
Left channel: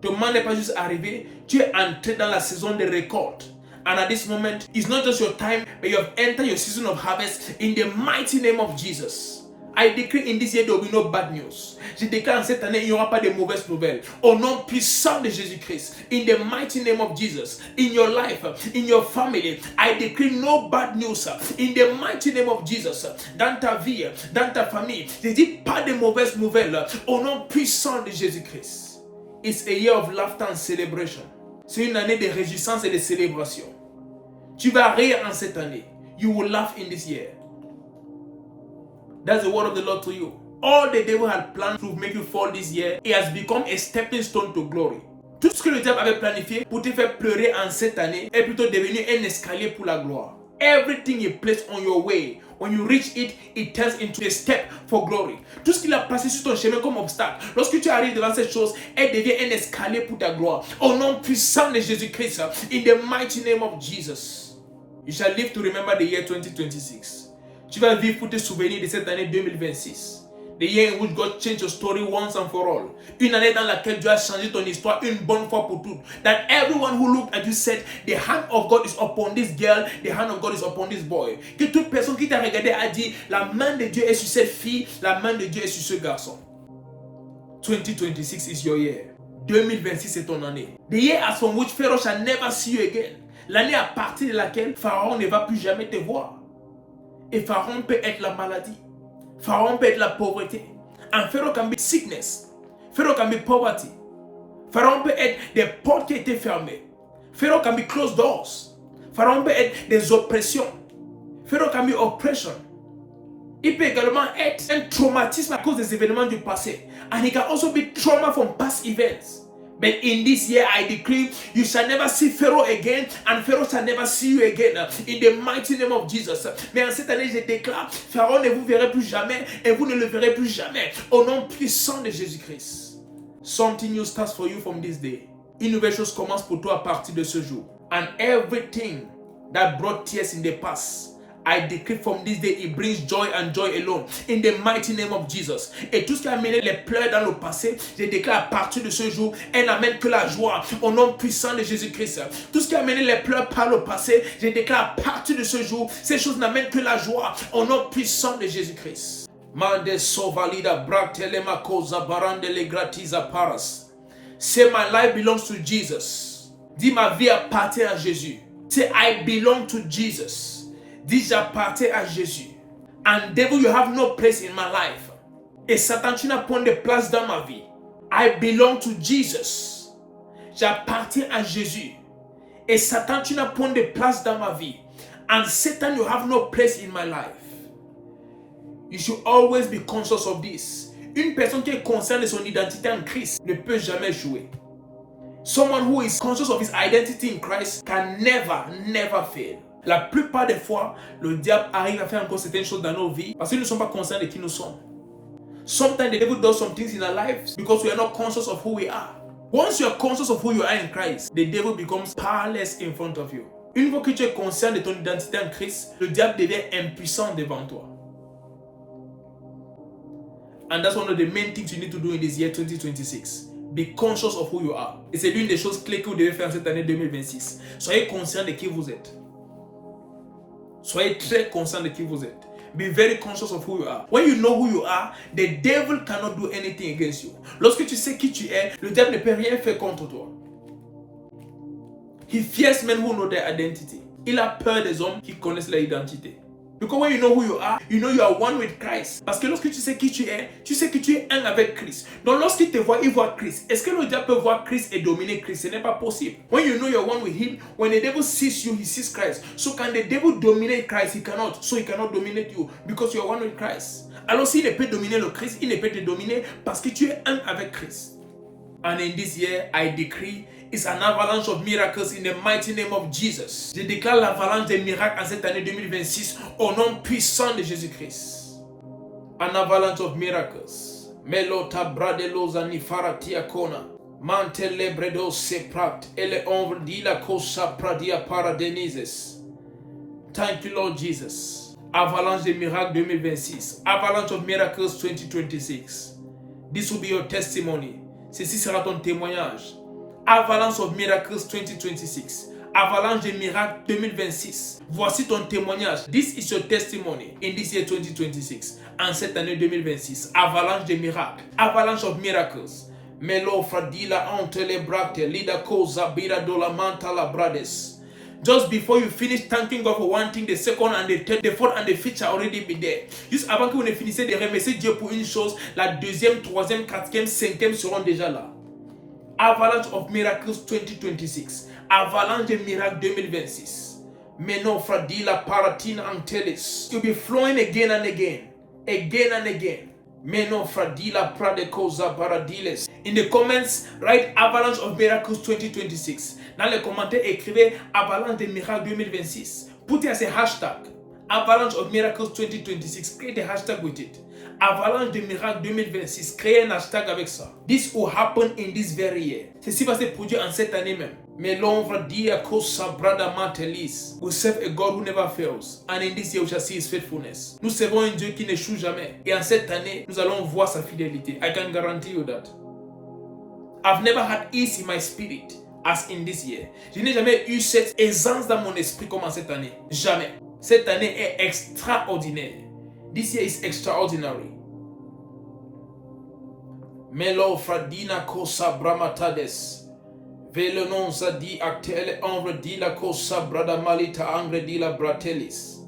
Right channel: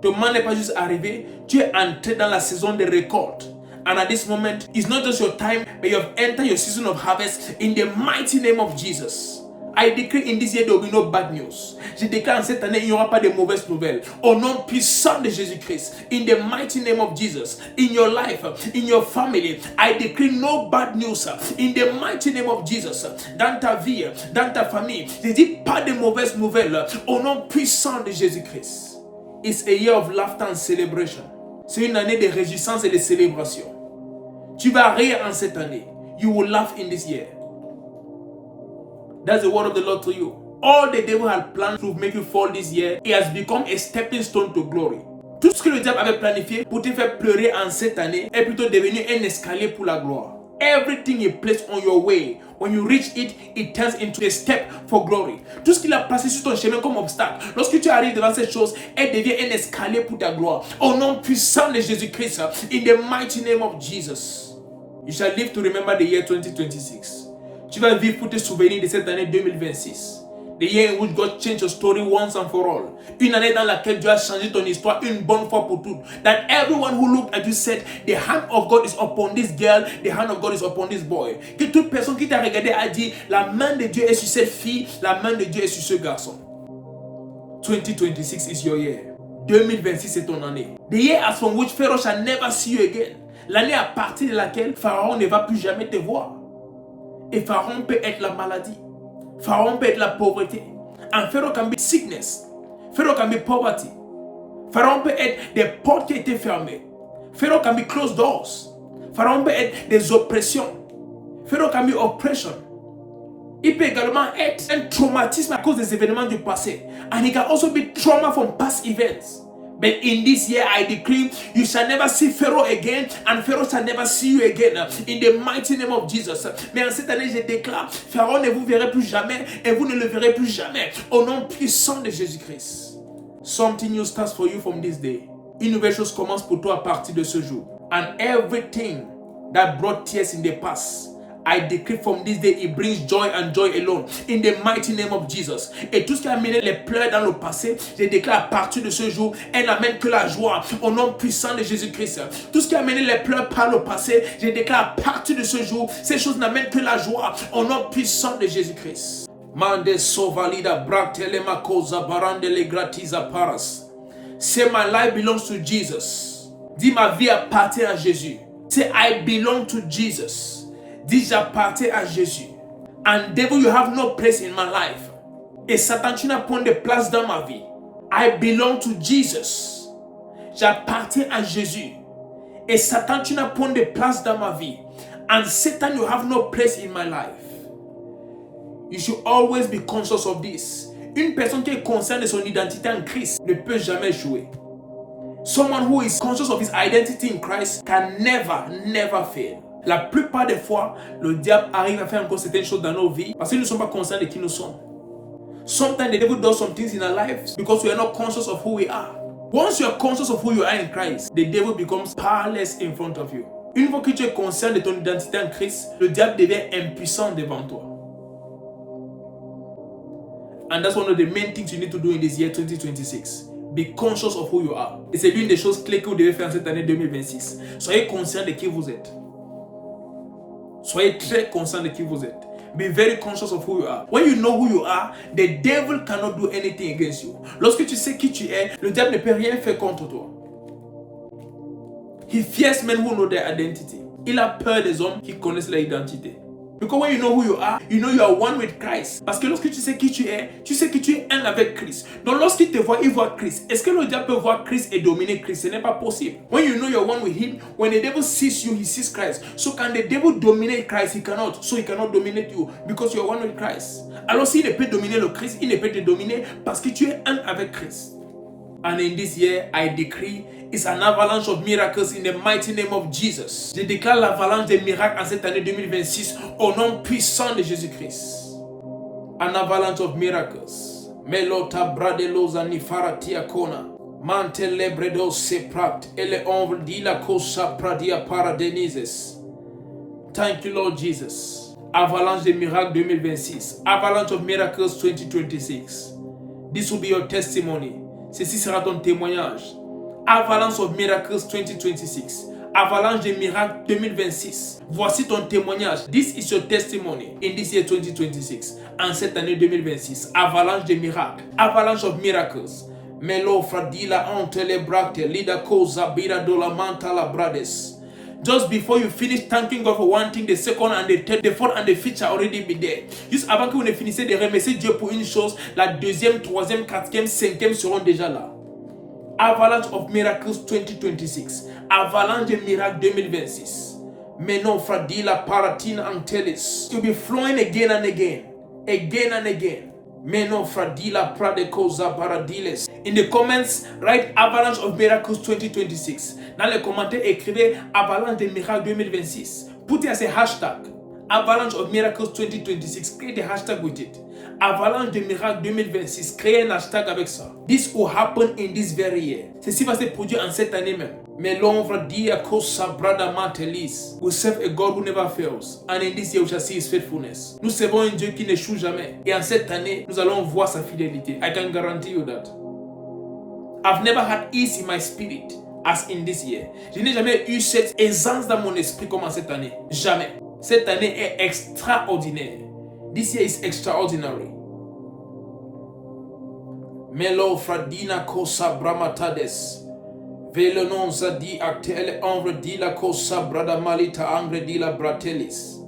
ton moment n'est pas juste arrivé, tu es entré dans la saison de récolte. And at this moment, it's not just your time, but you have entered your season of harvest in the mighty name of Jesus. I decree in this year there will be no bad news. Je déclare en cette année, il n'y aura pas de mauvaises nouvelles. Au nom puissant de Jésus-Christ, in the mighty name of Jesus, in your life, in your family, I decree no bad news. In the mighty name of Jesus, dans ta vie, dans ta famille, je dis pas de mauvaises nouvelles. Au nom puissant de Jésus-Christ. It's a year of laughter and celebration. C'est une année de réjouissance et de célébration. Tu vas rire en cette année. You will laugh in this year. That's the word of the Lord to you. All the devil had planned to make you fall this year, it has become a stepping stone to glory. Tout ce que le diable avait planifié pour te faire pleurer en cette année est plutôt devenu un escalier pour la gloire. Everything he placed on your way, when you reach it, it turns into a step for glory. Tout ce qu'il a passé sur ton chemin comme obstacle, lorsque tu arrives devant cette chose, elle devient un escalier pour ta gloire. Au nom puissant de Jésus-Christ, in the mighty name of Jesus, you shall live to remember the year 2026. Tu vas vivre pour te souvenir de cette année 2026. The year in which God changed your story once and for all. Une année dans laquelle Dieu a changé ton histoire une bonne fois pour toutes. That everyone who looked at you said, the hand of God is upon this girl, the hand of God is upon this boy. Que toute personne qui t'a regardé a dit, la main de Dieu est sur cette fille, la main de Dieu est sur ce garçon. 2026 is your year. 2026 est ton année. The year as from which Pharaoh shall never see you again. L'année à partir de laquelle Pharaon ne va plus jamais te voir. Et Pharaon peut être la maladie. Pharaon peut être la pauvreté. And Pharaoh can be sickness. Pharaoh can be poverty. Pharaon peut être des portes qui étaient fermées. Pharaoh can be closed doors. Pharaon peut être des oppressions. Pharaoh can be oppression. Il peut également être un traumatisme à cause des événements du passé. And it can also be trauma from past events. But in this year I decree, you shall never see Pharaoh again, and Pharaoh shall never see you again. In the mighty name of Jesus. Mais en cette année, je déclare, Pharaon ne vous verrez plus jamais, et vous ne le verrez plus jamais. Au nom puissant de Jésus-Christ. Something new starts for you from this day. Une nouvelle chose commence pour toi à partir de ce jour. And everything that brought tears in the past, I decree from this day, it brings joy and joy alone. In the mighty name of Jesus. Et tout ce qui a amené les pleurs dans le passé, je déclare à partir de ce jour, elle n'amène que la joie au nom puissant de Jésus-Christ. Tout ce qui a amené les pleurs par le passé, je déclare à partir de ce jour, ces choses n'amènent que la joie au nom puissant de Jésus-Christ. Mande sovalida bratelema cosa barande le gratiza paras. Say my life belongs to Jesus. Dis ma vie appartient à Jésus. Say I belong to Jesus. Dis j'appartiens à Jésus. And devil, you have no place in my life. Et Satan, tu n'as point de place dans ma vie. I belong to Jesus. J'appartiens à Jésus. Et Satan, tu n'as point de place dans ma vie. And Satan, you have no place in my life. You should always be conscious of this. Une personne qui est consciente de son identité en Christ ne peut jamais échouer. Someone who is conscious of his identity in Christ can never fail. La plupart des fois, le diable arrive à faire encore certaines choses dans nos vies parce que nous ne sommes pas conscients de qui nous sommes. Sometimes the devil does some things in our lives because we are not conscious of who we are. Once you are conscious of who you are in Christ, the devil becomes powerless in front of you. Une fois que tu es conscient de ton identité en Christ, le diable devient impuissant devant toi. And that's one of the main things you need to do in this year 2026. Be conscious of who you are. Et c'est l'une des choses clés que vous devez faire en cette année 2026. Soyez conscient de qui vous êtes. Soyez très conscient de qui vous êtes. Be very conscious of who you are. When you know who you are, the devil cannot do anything against you. Lorsque tu sais qui tu es, le diable ne peut rien faire contre toi. He fears men who know their identity. Il a peur des hommes qui connaissent leur identité. Because when you know who you are one with Christ. Parce que lorsque tu sais qui tu es, tu sais que tu es un avec Christ. Donc lorsqu'il te voit, il voit Christ. Est-ce que le diable peut voir Christ et dominer Christ? Ce n'est pas possible. When you know you're one with him, when the devil sees you, he sees Christ. So can the devil dominate Christ? He cannot. So he cannot dominate you because you are one with Christ. Alors s'il ne peut dominer le Christ, il ne peut te dominer parce que tu es un avec Christ. And in this year, I decree it's an avalanche of miracles in the mighty name of Jesus. Je déclare l'avalanche des miracles en cette année 2026 au nom puissant de Jésus-Christ. An avalanche of miracles. Melota bradelosa nifaratia kona. Mantele bredo seprat. Ele ombre di la cosa pradia paradenises. Thank you, Lord Jesus. Avalanche des miracles 2026. Avalanche of miracles 2026. This will be your testimony. Ceci sera ton témoignage. Avalanche of Miracles 2026. Avalanche des miracles 2026. Voici ton témoignage. This is your testimony in this year 2026. En cette année 2026. Avalanche des miracles. Avalanche of miracles. Melo fradila antele bracte. Lida cosa bira dola mantala brades. Just before you finish thanking God for one thing, the second and the third, the fourth and the fifth shall already be there. Juste avant que vous ne finissez de remercier Dieu pour une chose, la deuxième, troisième, quatrième, cinquième seront déjà là. Avalanche of Miracles 2026. Avalanche de miracles 2026. Menon fradila paratina antelis. You'll be flowing again and again. Again and again. Menon fradila pradekoza baradiles. In the comments, write Avalanche of Miracles 2026. Dans les commentaires, écrivez Avalanche de miracles 2026. Put it as a hashtag. Avalanche of Miracles 2026. Create a hashtag with it. Avalanche de miracles 2026. Créez un hashtag avec ça. This will happen in this very year. Ceci va se produire en cette année même. Mais l'ombre dia cosa brada mantelis. We serve a God who never fails. And in this year we shall see his faithfulness. Nous servons un Dieu qui n'échoue jamais. Et en cette année, nous allons voir sa fidélité. I can guarantee you that. I've never had ease in my spirit as in this year. Je n'ai jamais eu cette aisance dans mon esprit comme en cette année. Jamais. Cette année est extraordinaire. This year is extraordinary. Melo fradina cosa bramatades. Velenon zadi actele ombre di la cosa brada malita angre di la bratelis.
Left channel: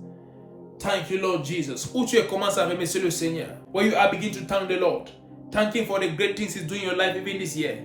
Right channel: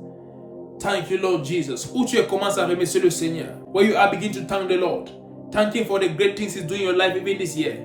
Thank you, Lord Jesus. Où tu commences à remercier le Seigneur. Where you are begin to thank the Lord. Thank him for the great things he's doing in your life even this year.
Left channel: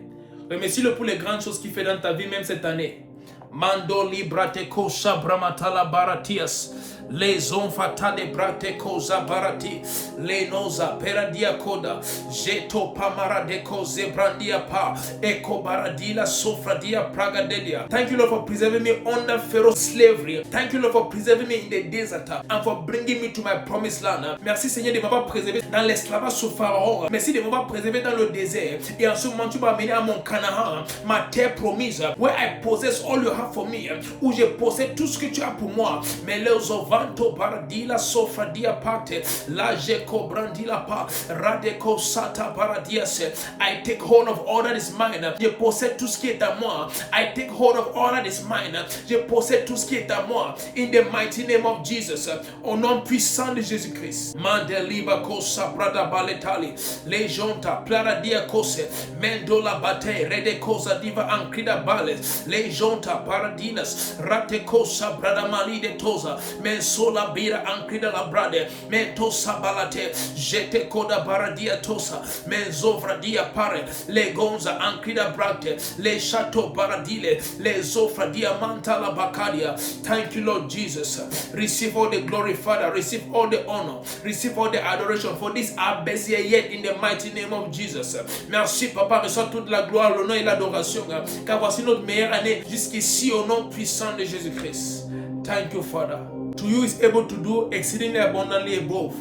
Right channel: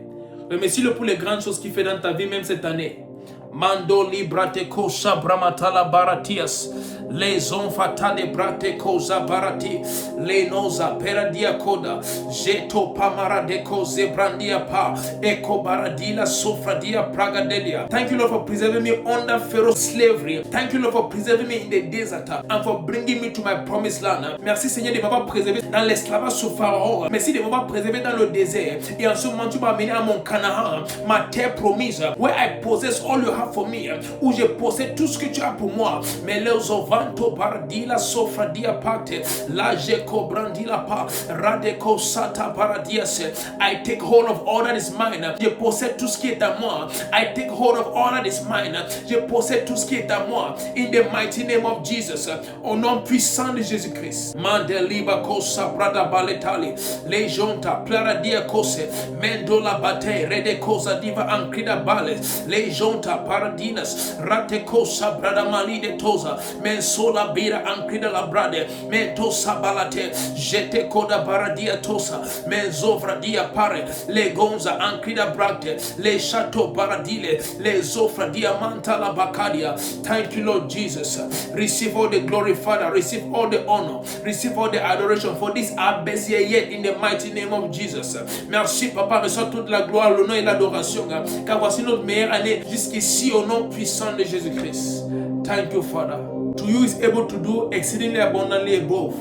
Remercie-le pour les grandes choses qu'il fait dans ta vie même cette année. Mando librate cosa bramatala baratias. Les onfatade brate cosa barati. Les noza peradia coda. Jeto pamara de cose brandia pa. Eko baradila sofradia pragadelia. Thank you, Lord, for preserving me under Pharaoh's slavery. Thank you, Lord, for preserving me in the desert and for bringing me to my promised land. Merci, Seigneur, de m'avoir préservé dans l'esclavage sous Pharaon. Merci de m'avoir préservé dans le désert. Et en ce moment, tu m'as amené à mon Canaan, ma terre promise, where I possess all you have for me, où je possède tout ce que tu as pour moi. Mais les ovins Manto paradila sofradia parte. La jeko brandila pa. Radeko sata paradiase. I take hold of all that is mine. Je possède tout ce qui est à moi. I take hold of all that is mine. Je possède tout ce qui est à moi. In the mighty name of Jesus. Au nom puissant de Jésus-Christ. Mandeliba kosa brada baletali. Lejonta plaradia kose. Mendola bate rede kosa diva ankrida bale. Lejonta paradinas. Rate kosa brada malide toza. Mensola bira ankrida la brade. Mentosa balate. Jete koda baradia tosa. Menzovra dia pare. Le gonza ankrida brate. Le chateau paradile. Le zofra diamanta la bacadia. Thank you, Lord Jesus. Receive all the glory, Father. Receive all the honor. Receive all the adoration for this our best year yet in the mighty name of Jesus. Merci, Papa. Reçois toute la gloire, l'honneur et l'adoration. Car voici notre meilleure année jusqu'ici au nom puissant de Jésus-Christ. Thank you, Father. To you is able to do exceedingly abundantly above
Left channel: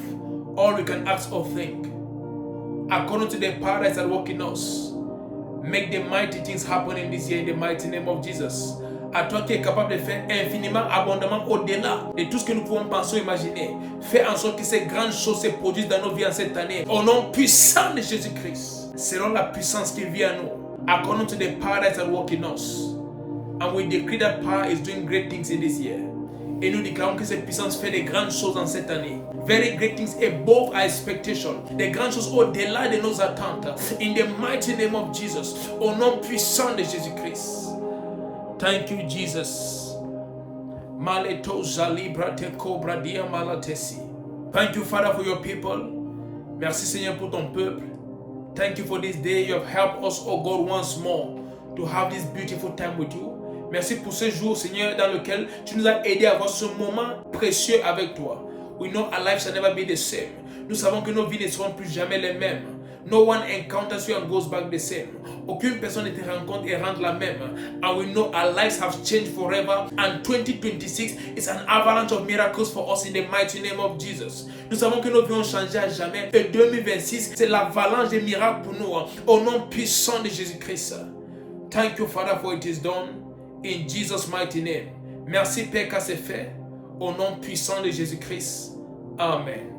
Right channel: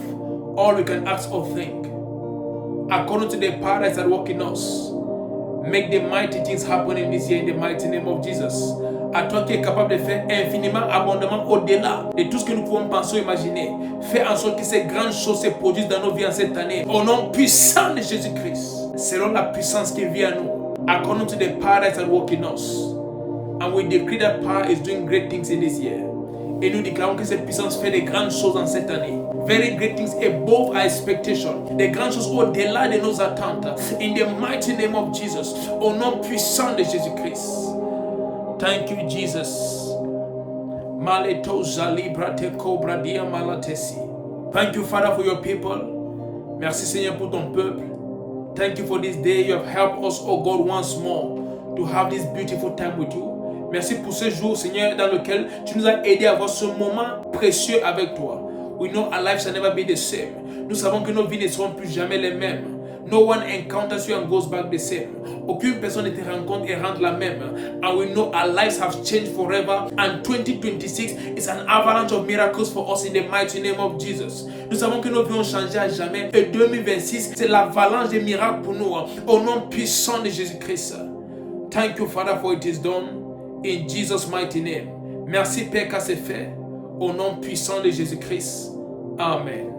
all we can ask or think. According to the power that is at work in us. Make the mighty things happen in this year in the mighty name of Jesus. À toi qui es capable de faire infiniment, abondamment au-delà de tout ce que nous pouvons penser ou imaginer. Fais en sorte que ces grandes choses se produisent dans nos vies en cette année. Au nom puissant de Jésus-Christ. Selon la puissance qui vient à nous. According to the power that is at work in us. And we decree that power is doing great things in this year. Et nous déclarons que cette puissance fait de grandes choses en cette année. Very great things above our expectation. Des grandes choses au-delà de nos attentes. In the mighty name of Jesus. Au nom puissant de Jésus-Christ. Thank you, Jesus. Maleto zalibra te cobra dia malatesi. Thank you, Father, for your people. Merci, Seigneur, pour ton peuple. Thank you for this day. You have helped us, oh God, once more to have this beautiful time with you. Merci pour ce jour, Seigneur, dans lequel tu nous as aidé à avoir ce moment précieux avec toi. We know our lives shall never be the same. Nous savons que nos vies ne seront plus jamais les mêmes. No one encounters you and goes back the same. Aucune personne ne te rencontre et rentre la même. And we know our lives have changed forever. And 2026 is an avalanche of miracles for us in the mighty name of Jesus. Nous savons que nos vies ont changé à jamais. Et 2026, c'est l'avalanche des miracles pour nous. Au nom puissant de Jésus-Christ. Thank you, Father, for it is done. In Jesus' mighty name. Merci, Père, car c'est fait. Au nom puissant de Jésus-Christ. Amen.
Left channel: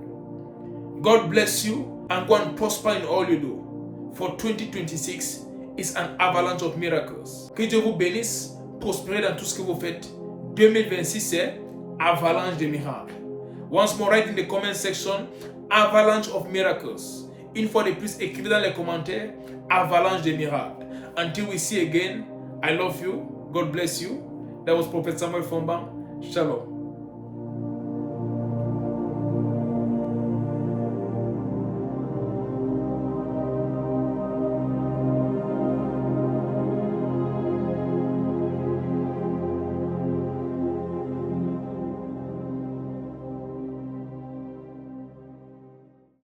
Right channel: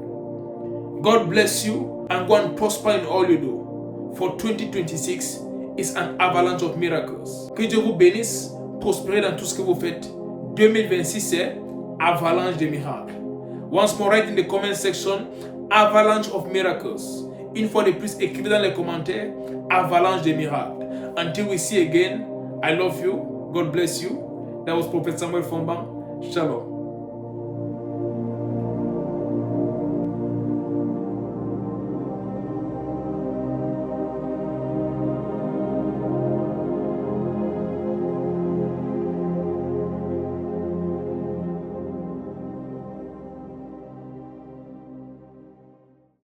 God bless you and go and prosper in all you do. For 2026 is an avalanche of miracles. Que Dieu vous bénisse, prospérez dans tout ce que vous faites. 2026 c'est avalanche de miracles. Once more, write in the comment section, avalanche of miracles. Une fois de plus, écrivez dans les commentaires, avalanche de miracles. Until we see again, I love you. God bless you. That was Prophet Samuel Fomba. Shalom.